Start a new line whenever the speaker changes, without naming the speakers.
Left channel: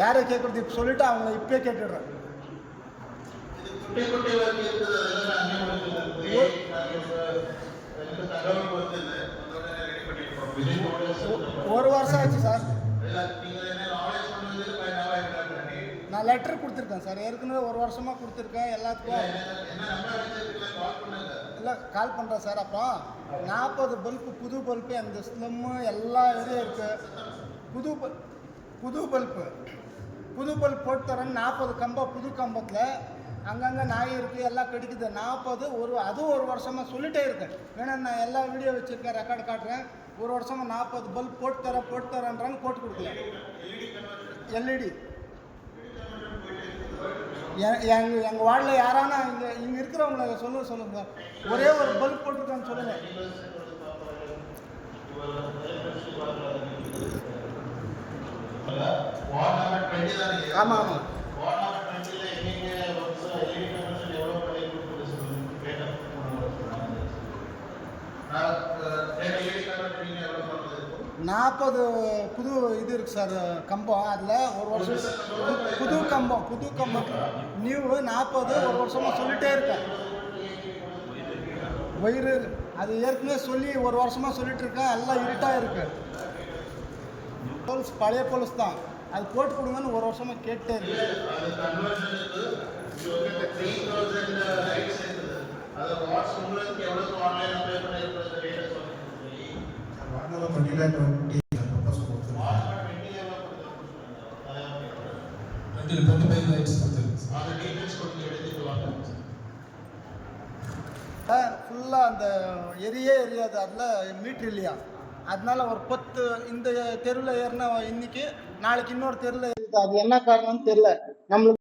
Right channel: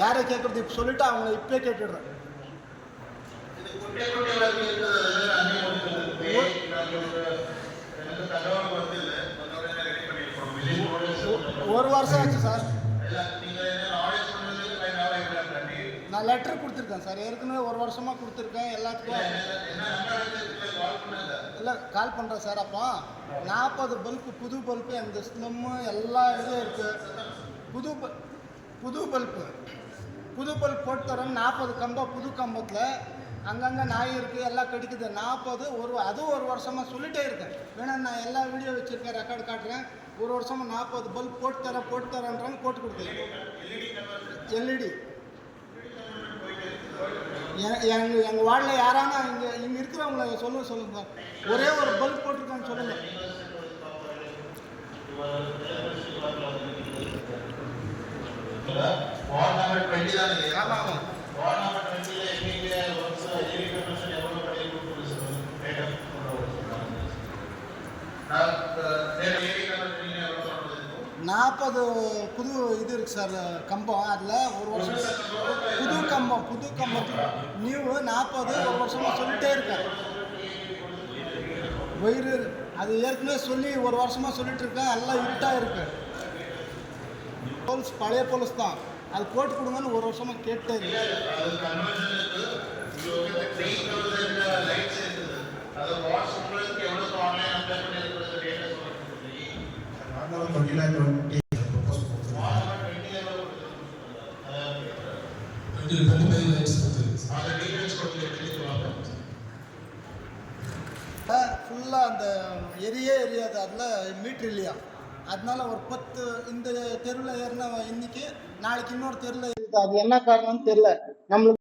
யாரை கேட்குறது இப்போ சொல்லிவிட்டு அவங்கள இப்போயே கேட்டுடுறேன். ஒரு வருஷம் ஆச்சு சார். நான் லெட்டர் கொடுத்துருக்கேன் சார். ஏற்கனவே ஒரு வருஷமாக கொடுத்துருக்கேன். எல்லாத்துக்கும் இல்லை கால் பண்ணுறேன் சார் அப்போ. நாற்பது பல்ப்பு புது பல்பு அந்த ஸ்லம்மு எல்லா இதுவும் இருக்குது புது பல் புது பல்பு புது பல்ப் போட்டு தரேன் நாற்பது கம்பம் புது கம்பத்தில் அங்கங்கே நாய் இருக்குது எல்லாம் கடிக்குது. நாற்பது ஒரு அதுவும் ஒரு வருஷமாக சொல்லிட்டே இருக்கேன். வேணா நான் எல்லா வீடியோ வச்சுருக்கேன் ரெக்கார்டு காட்டுறேன். ஒரு வருஷமாக நாற்பது பல்ப் போட்டு தரேன் போட்டு தரேன்றாங்க போட்டு கொடுக்கல. எல்இடி. எங்கள் எங்கள் வார்டில் யாரானா இங்கே இங்கே இருக்கிறவங்கள சொல்லுங்க சொல்லுங்க சார். ஒரே ஒரு பல்ப் போட்டிருக்கான்னு சொல்லுங்கள்
வார்டு நம்பர் டுவெண்ட்டி தான்
ஆமாம் ஆமாம்
வார்டு நம்பர் எயிட்டி பர்சன்ட் எவ்வளோ
நாற்பது புது இது இருக்குது சார் கம்பம். அதில் ஒரு வருஷம் புது கம்பம் புது கம்பம். நியூ நாற்பது ஒரு வருஷமாக சொல்லிட்டே இருக்கேன் வயிறு அது ஏற்கனவே சொல்லி ஒரு வருஷமாக சொல்லிட்டு இருக்கேன். எல்லாம் இருட்டாக இருக்கு. போலீஸ் பழைய போலீஸ் தான். அது போட்டு கொடுங்கன்னு ஒரு வருஷமாக கேட்டே ஃபுல்லாக அந்த எரியே எரியாது. அதில் மீட்ரு இல்லையா? அதனால ஒரு பத்து இந்த தெருவில் ஏறின இன்னைக்கு நாளைக்கு இன்னொரு தெருவில் அது என்ன காரணம்னு தெரியல. நம்மளுக்கு